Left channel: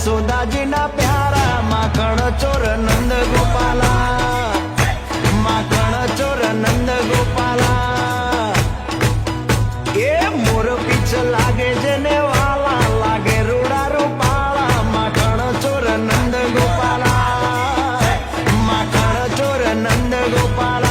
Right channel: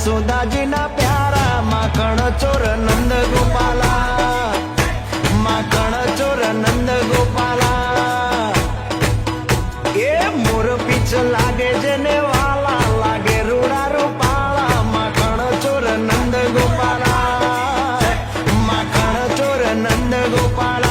यशोदाजी ना प्यारा माखण चोर नंद गोपाला, माखण चोर नंद गोपाला। ए मोर पीछ लागे जेने वाला लागे रूड़ा रूपाला, माखण चोर नंद गोपाला, माखण चोर नंद गोपाला।